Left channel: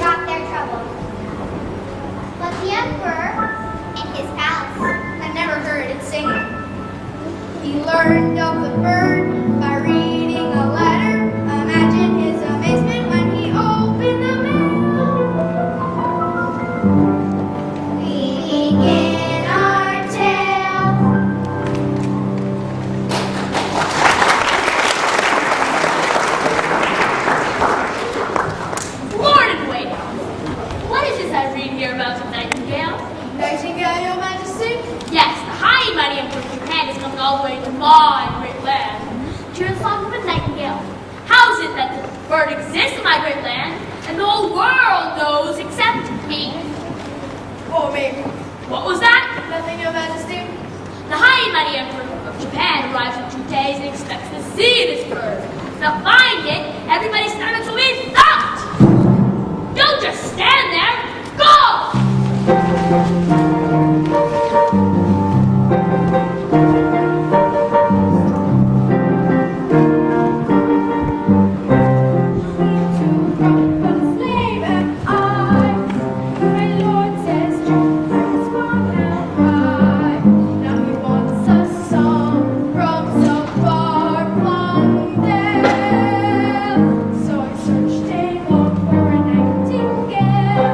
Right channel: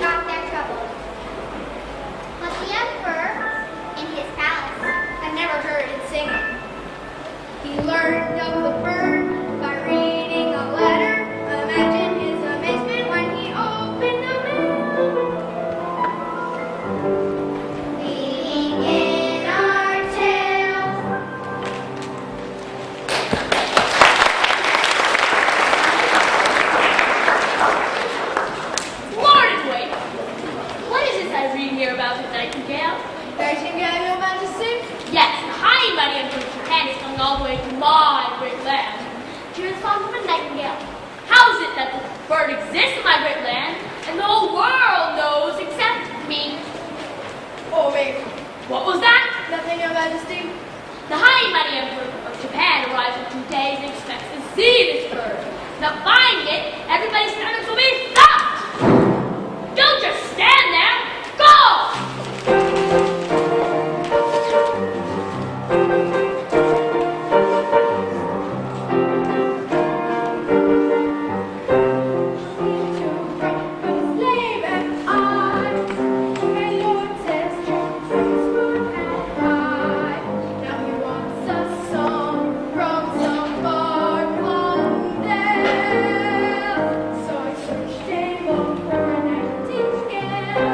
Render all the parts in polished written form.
got their trouble. But the emperor, in his palace, had never heard it singing. He learned of the bird by reading a letter. Imagine his amazement when he opened the mail. We begin our tale. Lord and waiter, what is this I read here about the Nightingale? Nightingale, Your Majesty? Yes, the high mighty Emperor of Japan is coming all the way to my great land. To hear the song of a nightingale. How is it that the bird exists in my great land, and the whole world knows except me? Oh, baby. What was that? Nothing, Your Majesty. The high mighty Emperor of Japan arrives in 2 days and expects to see this bird. Now finding it, everybody's stomachs will be stopped! Don't just stand there! Go! Slave am I. My lord says Jesus from on high. Now he wants a song from some far-flung dale. So I searched a walk for a nightingale.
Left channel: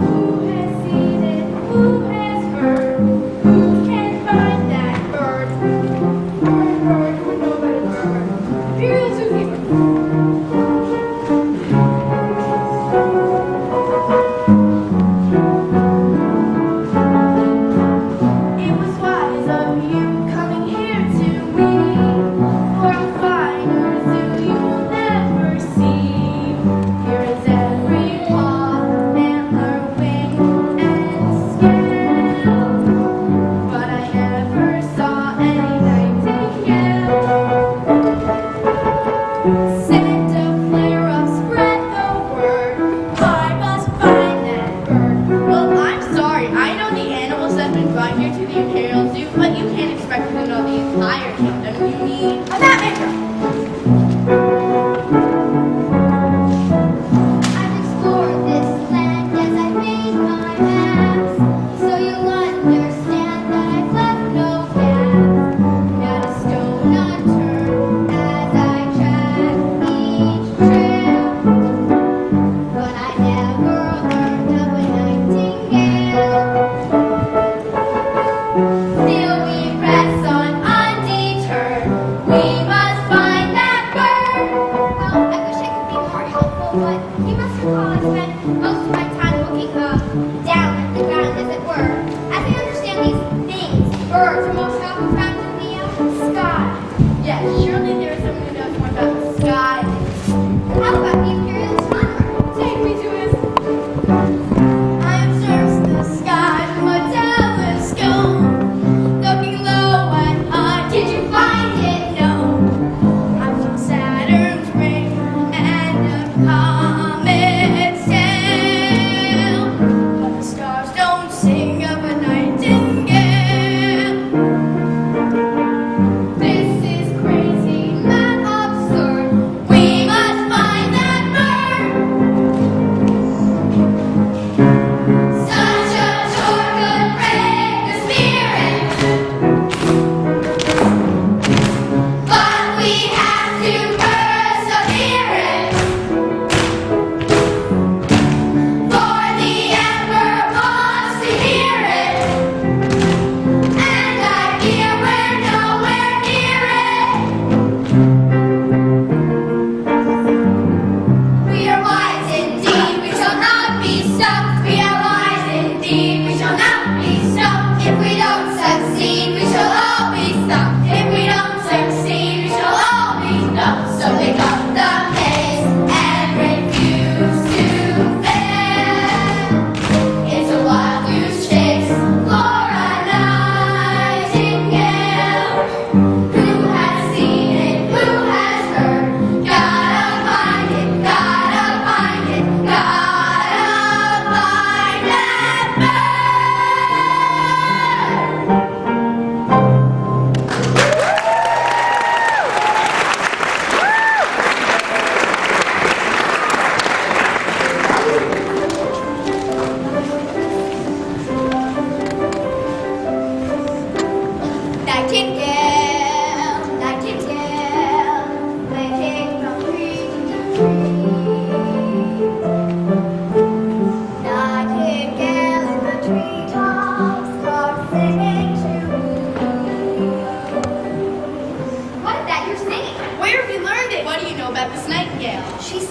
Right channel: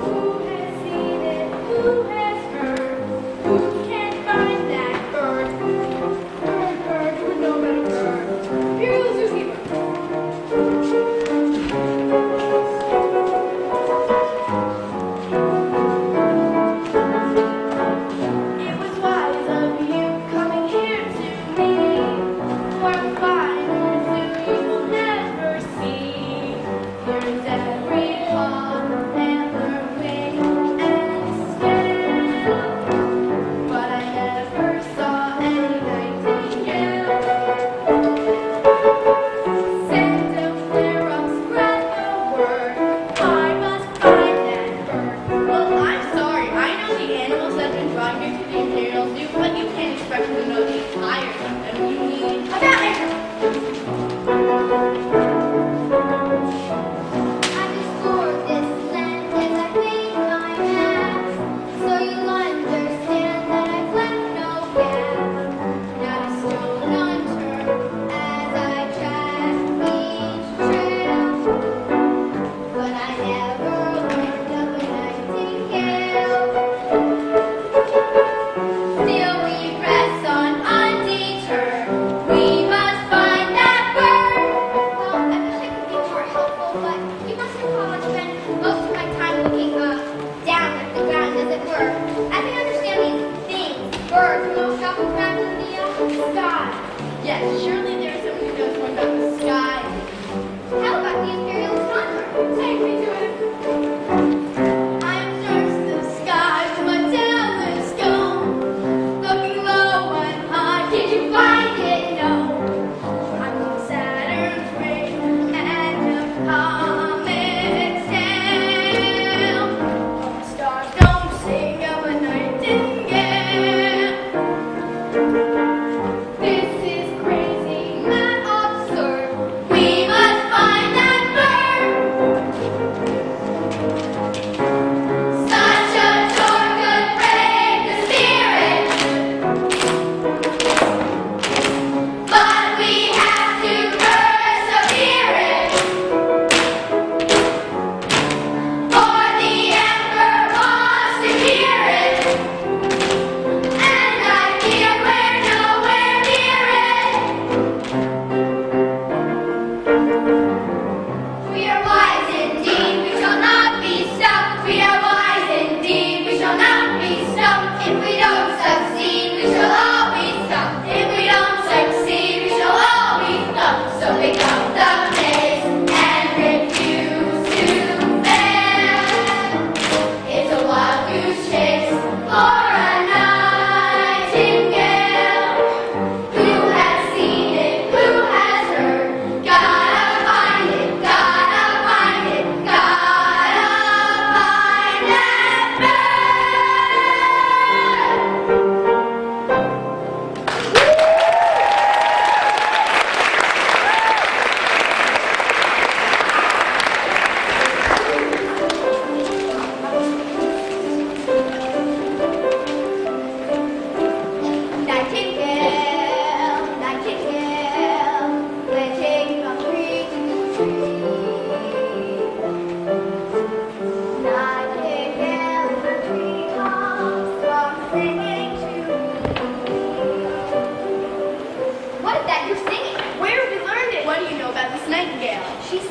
Who has seen it? Who has heard? Who can find that bird? That bird with no better bird. Imperial zookeeper. It was wise of you coming here to me, for a finer zoo you will never see. Here is every paw, antler, wing, and scale, but I never saw any nightingale. Send a flare up, spread the word. I must find that bird. Well, I'm sorry. I know the animals that have been brought here to the Imperial Zoo, but you can't expect me to know the entire kingdom. You need a map maker. I've explored this land as I made my maps, so you'll understand that I've left no gap. Not a stone unturned as I track each trail, but I never learned of a nightingale. Still we press on undeterred. We must find that bird. Well, I wish I could be more helpful, but you must recall I spent most of my time looking down at the ground, as it were. As I understand these things, birds are most often found in the sky. Yes, surely there's someone who knows more about the sky. How about the Imperial astronomer? Take me to his. I have searched the sky with my telescope, looking low and high. Did you find it? No. I found Saturn's ring and a comet's tail. But the stars don't sing of a nightingale. This is crazy, mad, absurd. We must find that bird. Such a tour could break the spirit, but we have to persevere it.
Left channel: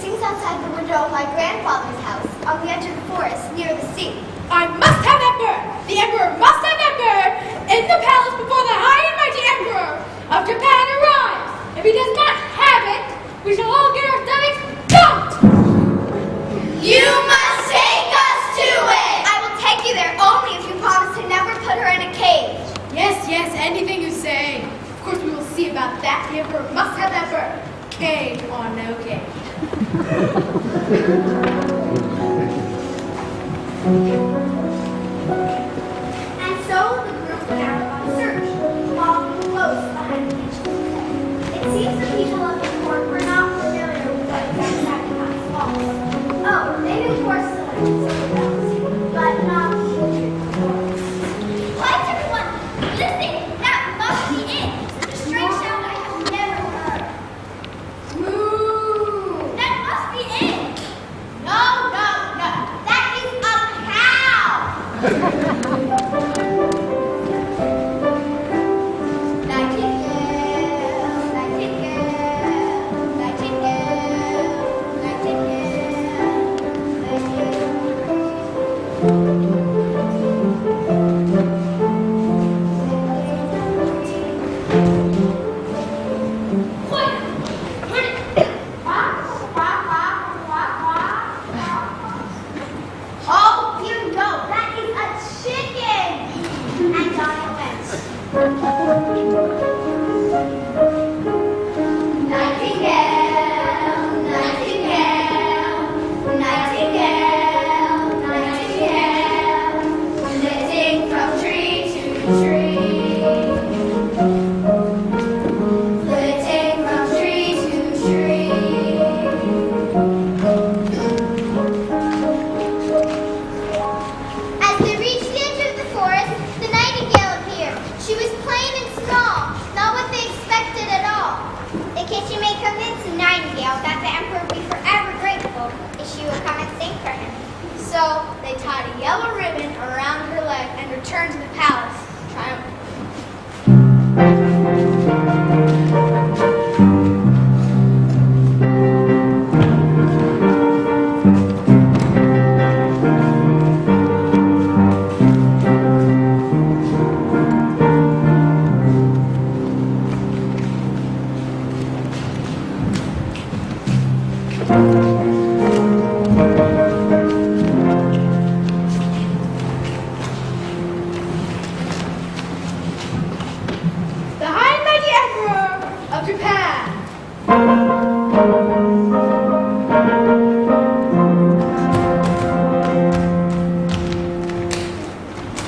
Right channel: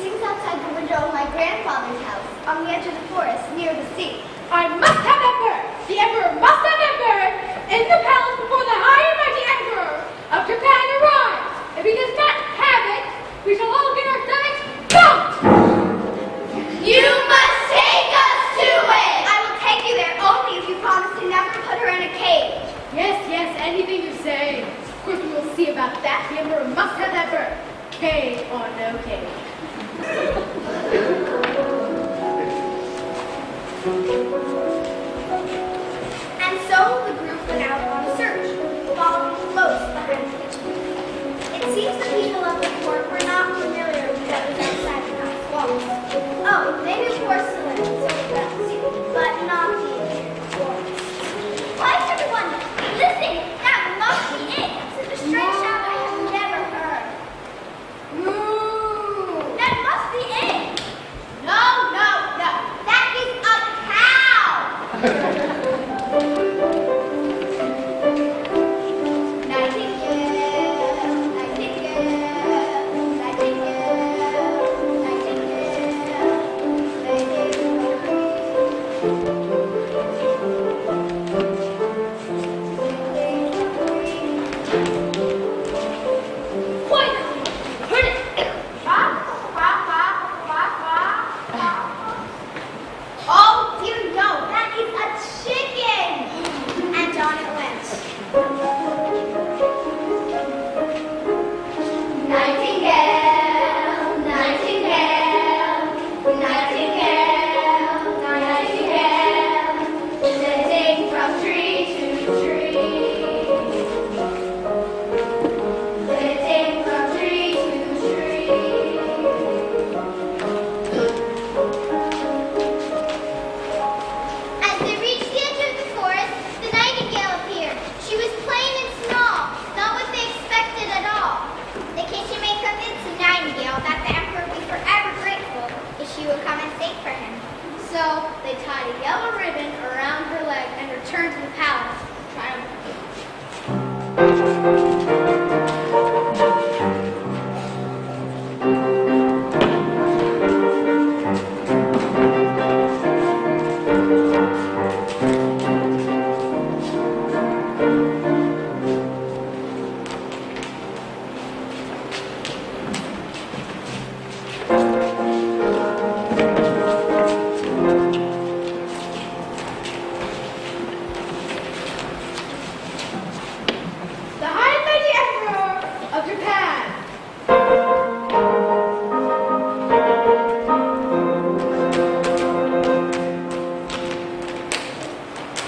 sings outside the window of my grandfather's house on the edge of the forest near the sea. I must have Emperor! The Emperor must have Emperor in the palace before the high and mighty Emperor of Japan arrives! If he does not have it, we shall all get our stomachs dumped! You must take us to it! I will take you there only if you promise to never put her in a cage. Yes, anything you say. Of course we will see about that. The Emperor must have Emperor. Cage or no cage. And so the group went out on a search, following close behind the kitchen. It seems the people of the court were not familiar with what was outside the house walls. Oh, they knew porcelain and silver but not the walls. Why is everyone listening? That must be it. Such a strange sound I have never heard. Moo! That must be it. No. That is a cow. Oh, dear, no, that is a chicken! And down it went. Nightingale, nightingale, nightingale, nightingale, flitting from tree to tree. Flitting from tree to tree. As they reached the edge of the forest, the nightingale appeared. She was plain and small, not what they expected at all. The kitchen maid convinced the nightingale that the emperor would be forever grateful if she would come and sing for him. So they tied a yellow ribbon around her leg and returned to the palace triumphantly. The high and mighty Emperor of Japan.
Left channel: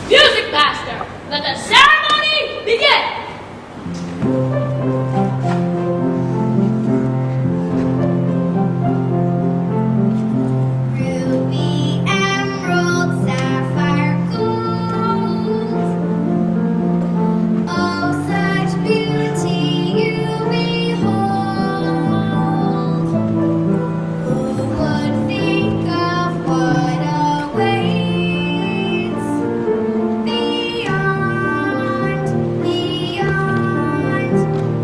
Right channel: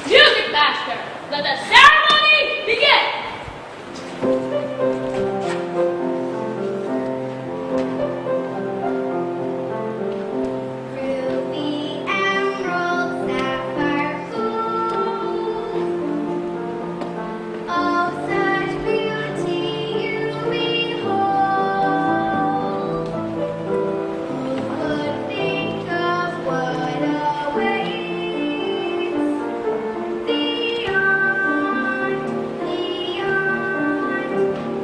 Music master, let the ceremony begin! Ruby, emerald, sapphire, gold. Oh, such beauty you behold. Who would think of what awaits beyond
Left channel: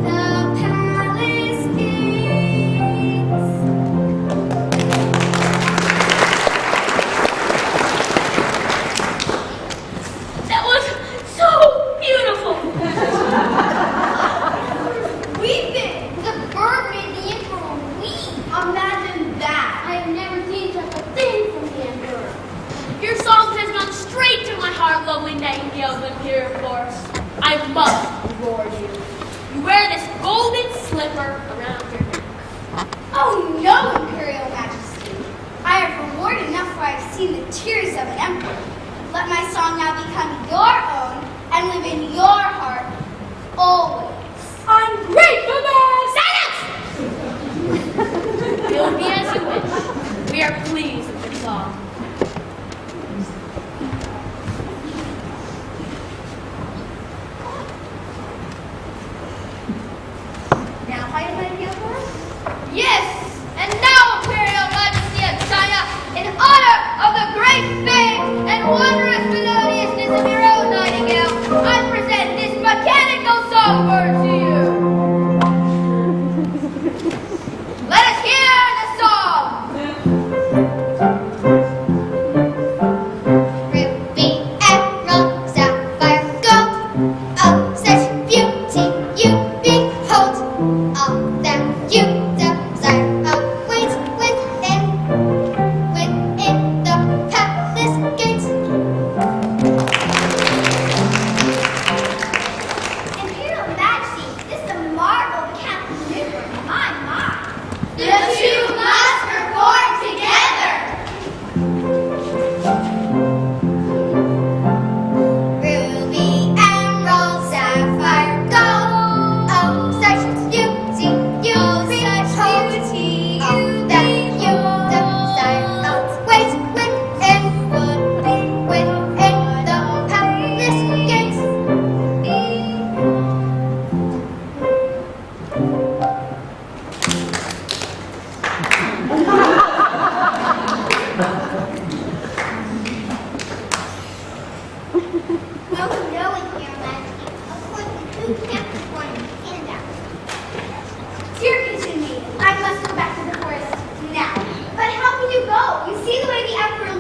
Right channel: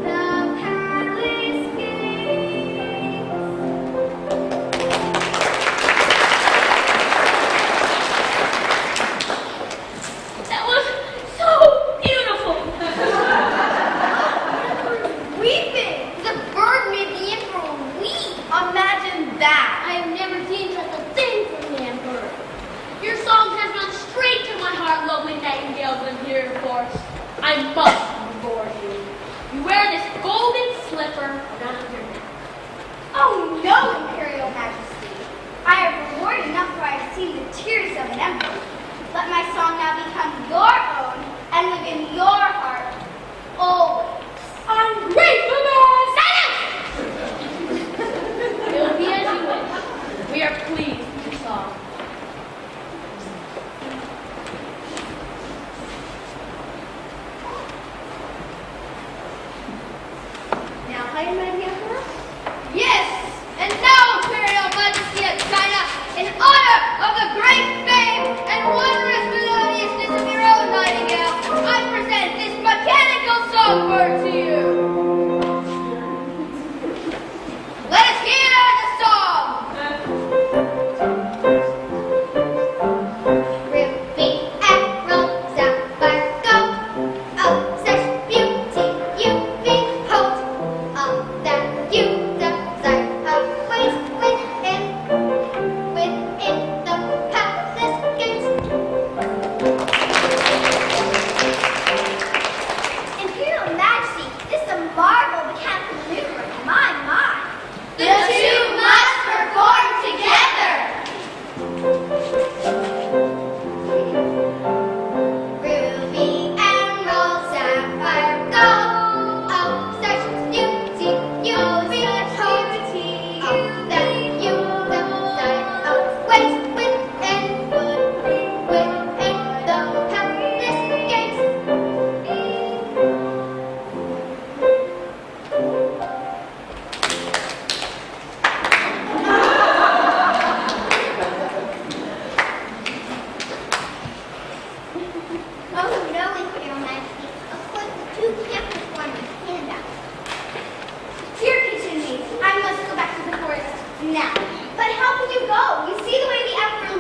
the palace gates? That was so beautiful! Weeping! The bird made the emperor weep. Imagine that. I have never seen such a thing from the Emperor. Your song has gone straight to my heart, lovely nightingale, the dear forest. I must reward you. You wear this golden slipper around your neck. Oh no, Imperial Majesty. I have reward enough for I have seen the tears of an emperor. Let my song now become your own and live in your heart always. Ungrateful man! Silence! Feel me as you wish. We are pleased with your song. Now, high and mighty emperor,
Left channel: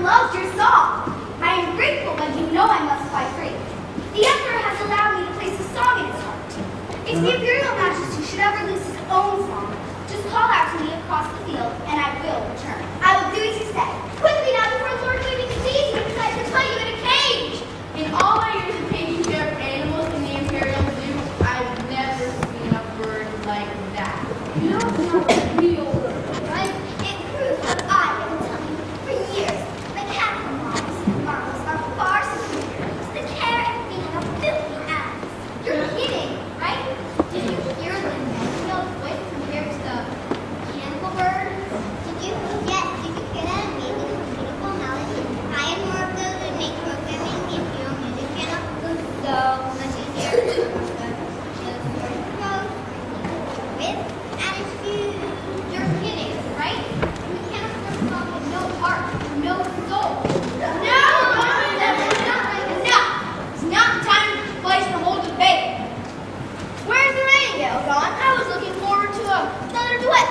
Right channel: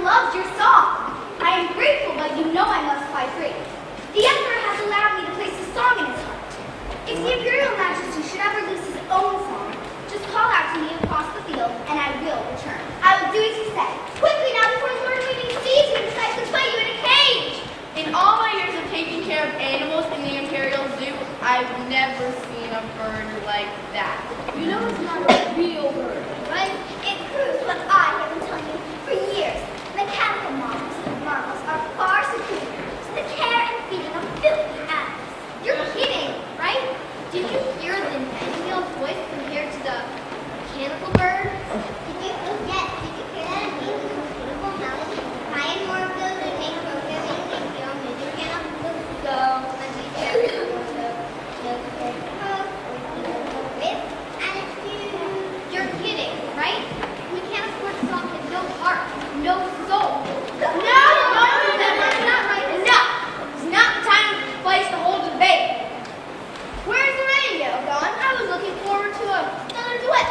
loved your song. I am grateful, but you know I must fight free. The Emperor has allowed me to place a song in his heart. If the Imperial Majesty should ever lose his own song, just call out to me across the field, and I will return. I will do as you said. Quickly now before Lord Waiting sees you and decides to put you in a cage. In all my years of taking care of animals in the Imperial Zoo, I've never seen a bird like that. You know it's not a real bird, right? It proves what I have been telling you for years. Mechanical models and marbles are far superior to the care and feeding of filthy animals. You're kidding, right? Did you hear the Nightingale voice compared to the mechanical bird? Yes, did you hear that amazing beautiful melody? I am more of those that make programming and hero music channel. So much easier. You're kidding, right? Mechanical bird song has no heart, no soul. No, that's not right. Enough! It's not time to place the whole debate. Where's the Nightingale gone? I was looking forward to another duet.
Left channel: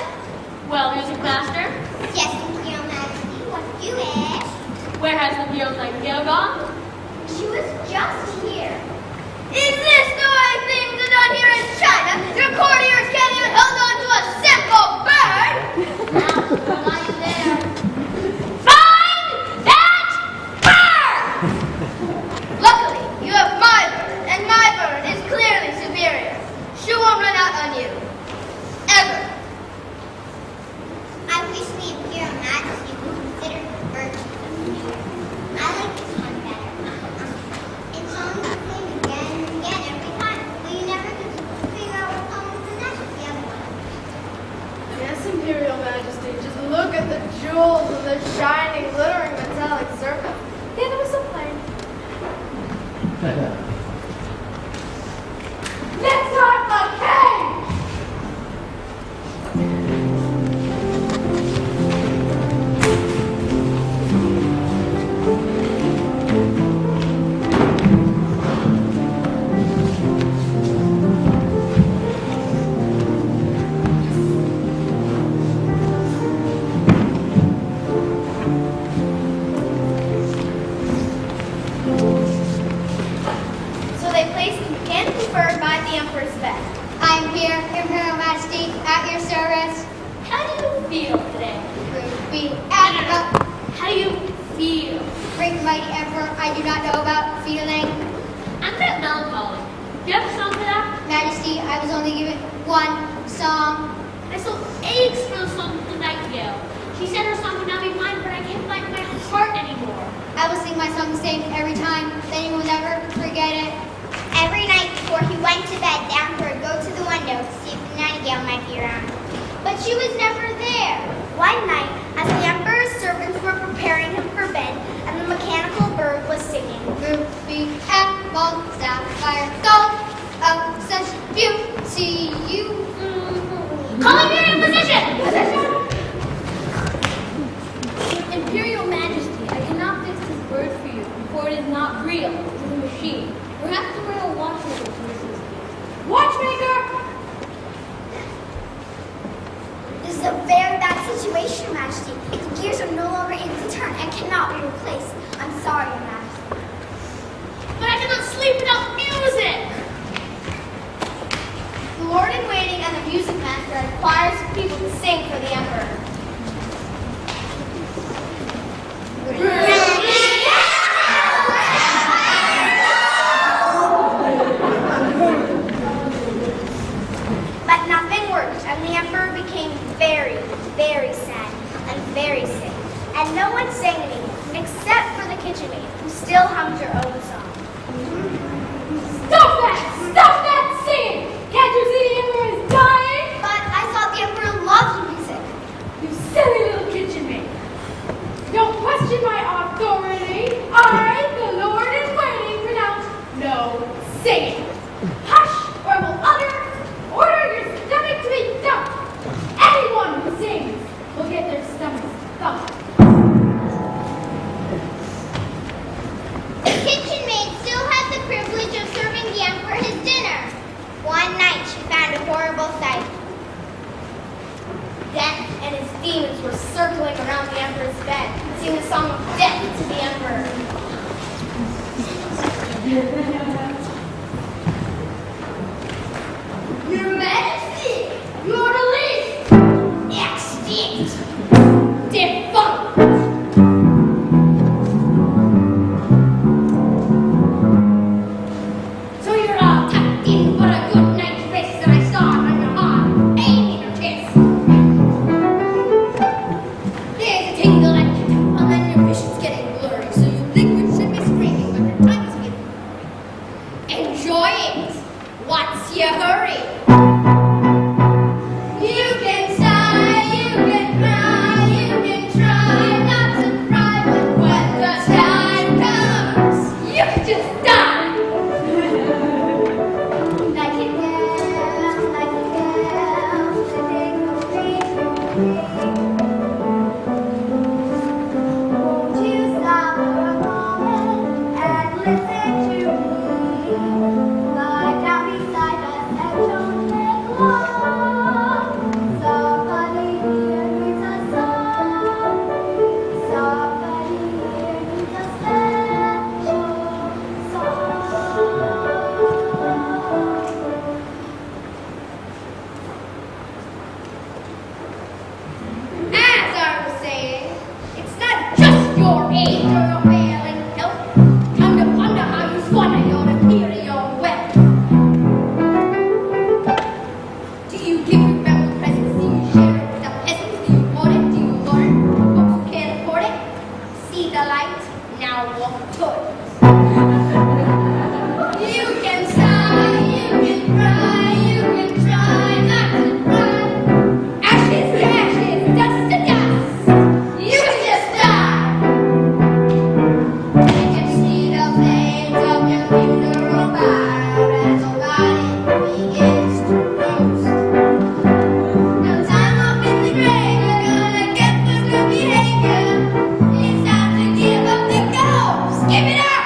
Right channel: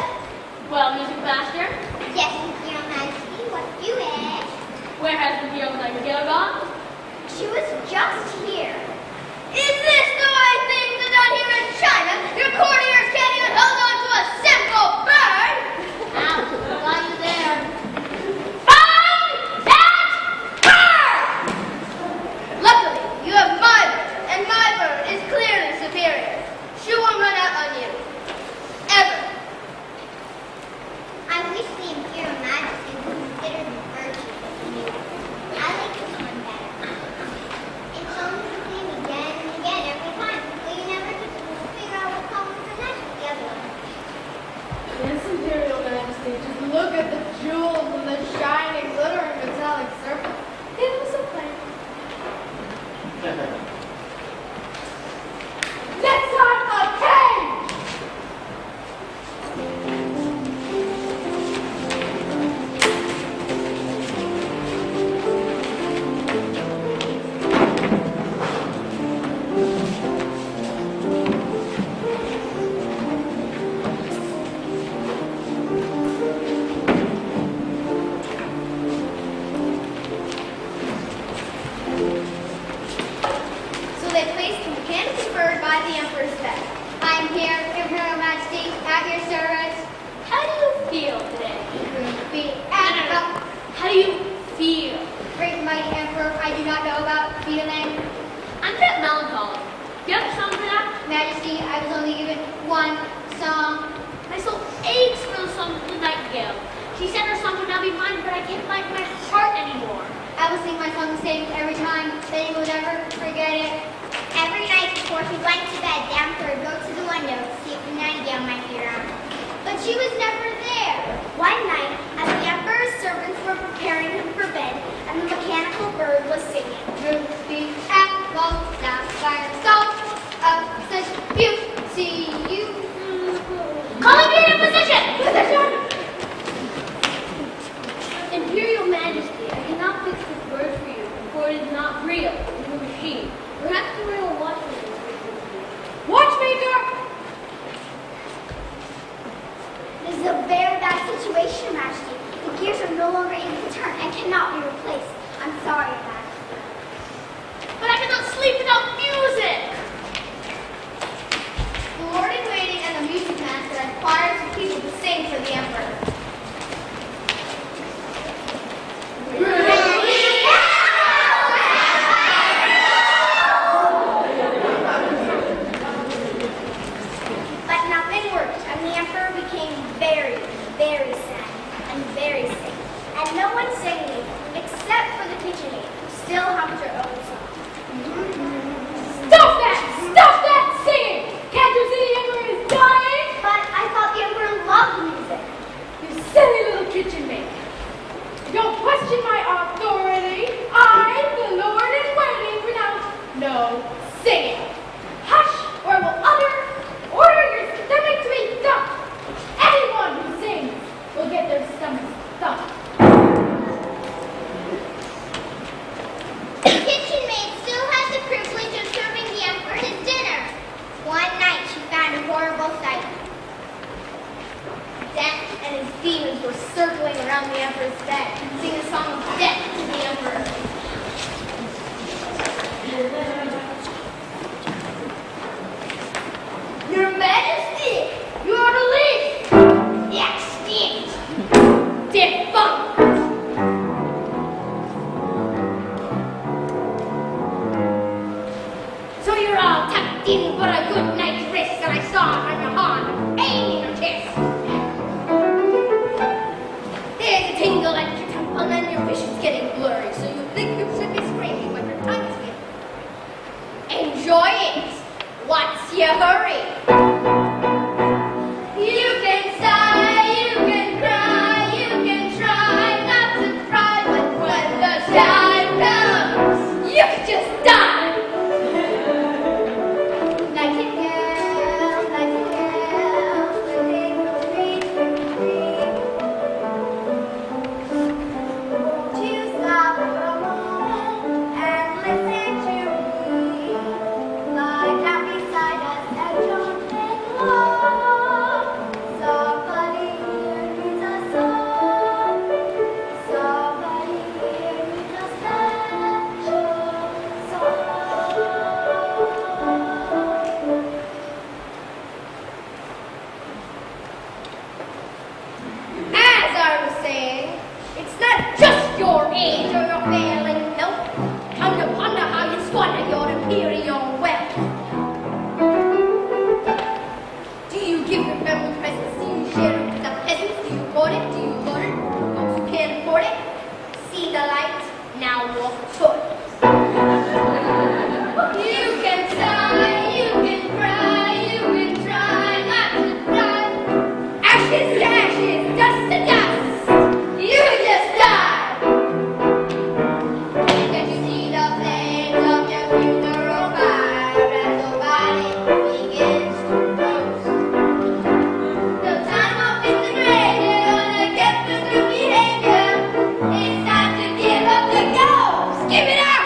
Well, Music Master, Yes, Imperial Majesty, what do you wish? where has the real Nightingale gone? She was just here. Is this the way things are done here in China? Your courtiers can't even hold on to a simple bird! Now, while you're there, Find that bird! Luckily, you have my bird, and my bird is clearly superior. She won't run out on you. Ever. I wish the Imperial Majesty would consider the bird superior. I like this one better. It's only the same again and again every time, but you never get to figure out what song is the next the other one. Yes, Imperial Majesty, just look at the jewels and the shining, glittering metallic surface. They were so plain. Next time, a cage! So they placed the mechanical bird by the Emperor's bed. I am here, Imperial Majesty, at your service. how do you feel today? Be How do you feel? great mighty Emperor, I do not know about feeling. I'm a bit melancholy. Do you have a song for that? Majesty, I was only given one song. My soul aches for the song of the Nightingale. She said her song would not be mine, but I can't find my heart anymore. I will sing my song the same every time, then you will never forget it. Every night before he went to bed, the Emperor would go to the window to see if the Nightingale might be around. But she was never there. One night, as the Emperor's servants were preparing him for bed, and the mechanical bird was singing, "Ruby, emerald, sapphire, gold, of such beauty you." Calling you in position! Imperial Majesty, I cannot fix this bird for you, for it is not real. It is a machine. Perhaps the royal watchmaker can assist you. Watchmaker! This is a very bad situation, Your Majesty. The gears are no longer able to turn and cannot be replaced. I'm sorry, Your Majesty. But I cannot sleep without music! The Lord in Waiting and the Music Master requires people to sing for the Emperor. But nothing worked, and the Emperor became very, very sad and very sick. And no one sang anymore, except for the kitchen maid, who still hummed her own song. Stop that! Stop that singing! Can't you see the Emperor is dying? But I thought the Emperor loved music. You silly little kitchen maid. Don't question my authority. I, the Lord in Waiting, pronounce no singing. Hush, or I will order your stomach to be dumped. Anyone who sings will get their stomachs thumped. The kitchen maid still has the privilege of serving the Emperor his dinner. One night she found a horrible sight. Death and his demons were circling around the Emperor's bed, singing a song of death Your Majesty, you are the least extinct, defunct. So you're all tucked in for a good night's rest, and I saw it on your arm, aiming your chest. There's a tingle at your temple, and your vision's getting blurry, so you think you should be screaming, but your time's getting. Enjoy it. What's your hurry? You can sigh, you can cry, you can try not to cry, but when the time comes, you can just die. Nightingale, nightingale, the name of won't you stop for a moment and listen to me? Lie down beside us and don't take long. Somebody here needs a song. Somebody here needs a special song. As I was saying, it's not just your age or your failing health. Come to wonder how you squander your imperial wealth. Do you give your family presents? Do you share it with the peasants? Do you hoard it? Do you hoard it? Those who can't afford it? See the light, now walk toward it. You can sigh, you can cry, you can try not to cry. Ashes to ashes, dust to dust. You just die. You can see the flames of your funeral fire as your body begins to roast. No time off in the grave, you're gonna get the good behavior. It's time to give up the ghost. Give it up.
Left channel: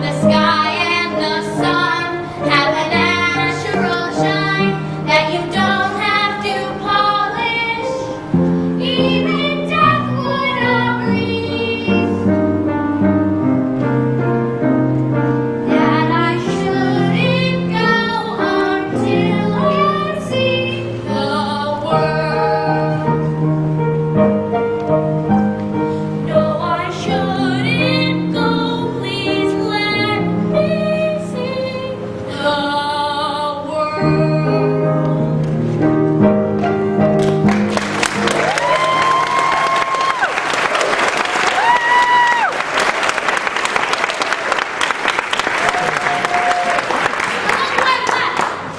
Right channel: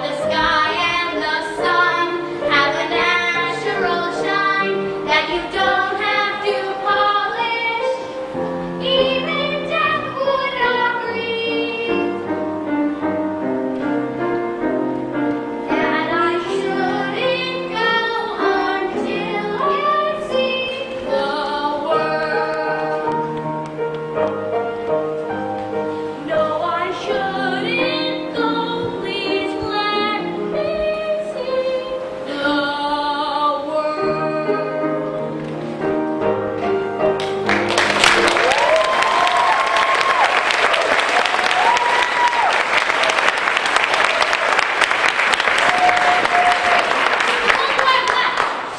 the sky and the sun have a natural shine that you don't have to polish. Even death would not breathe. That I shouldn't go until you see the world. No, I shouldn't go. Please let me see the world.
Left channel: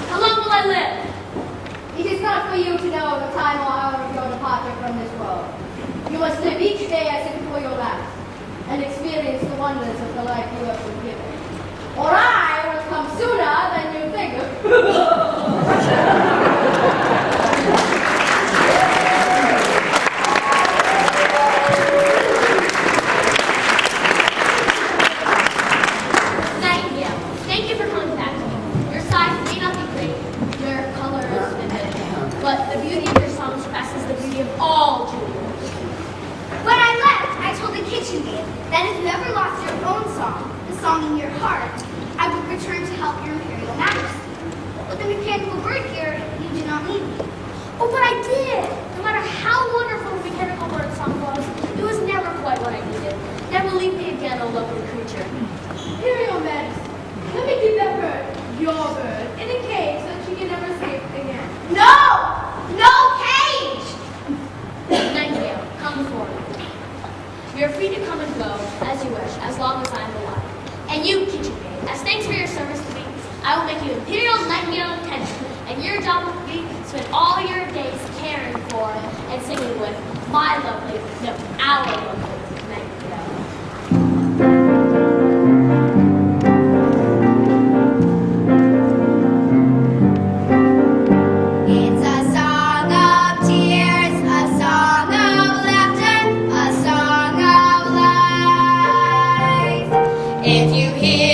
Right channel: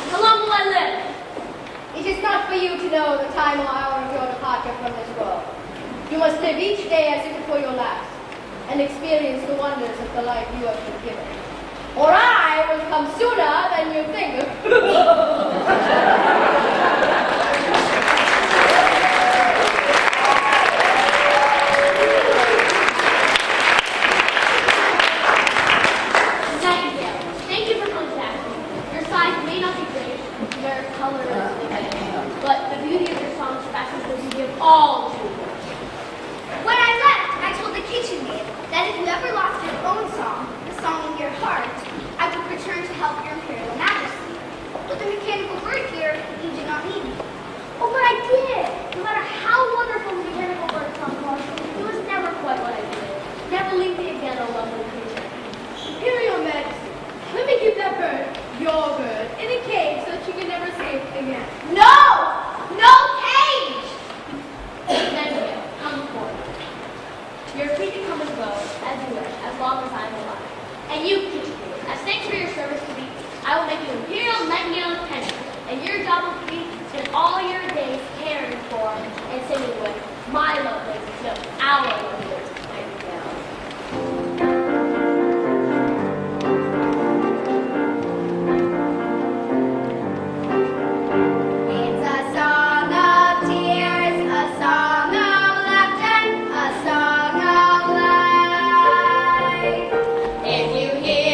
How long will I live? It is not for you to know the time or hour of your departure from this world. You must live each day as if it were your last, and experience the wonders of the life you have been given. Or I will come sooner than you think. Nightingale, thank you for coming back to me. Your size may not be great, your color is vivid, but the beauty of your song surpasses the beauty of all children. When I left, I told the kitchen maid that if you ever lost your own song, the song in your heart, I would return to help your Imperial Majesty. But the mechanical bird here, you did not need me. Oh, but I did! No matter how wonderful the mechanical bird song was, it was never quite what I needed. Never leave me again, oh lovely creature. Imperial Majesty, let me keep that bird, your bird, in a cage so that you can never see it again. No! No cage! Nightingale, come before me. You're free to come and go as you wish, as long as I'm alive. And you, kitchen maid, as thanks for your service to me, I will make you Imperial Nightingale Attendant, and your job will be to spend all your days caring for and singing with my lovely, no, our lovely Nightingale. It's a song of tears, a song of laughter, a song of life. If you hear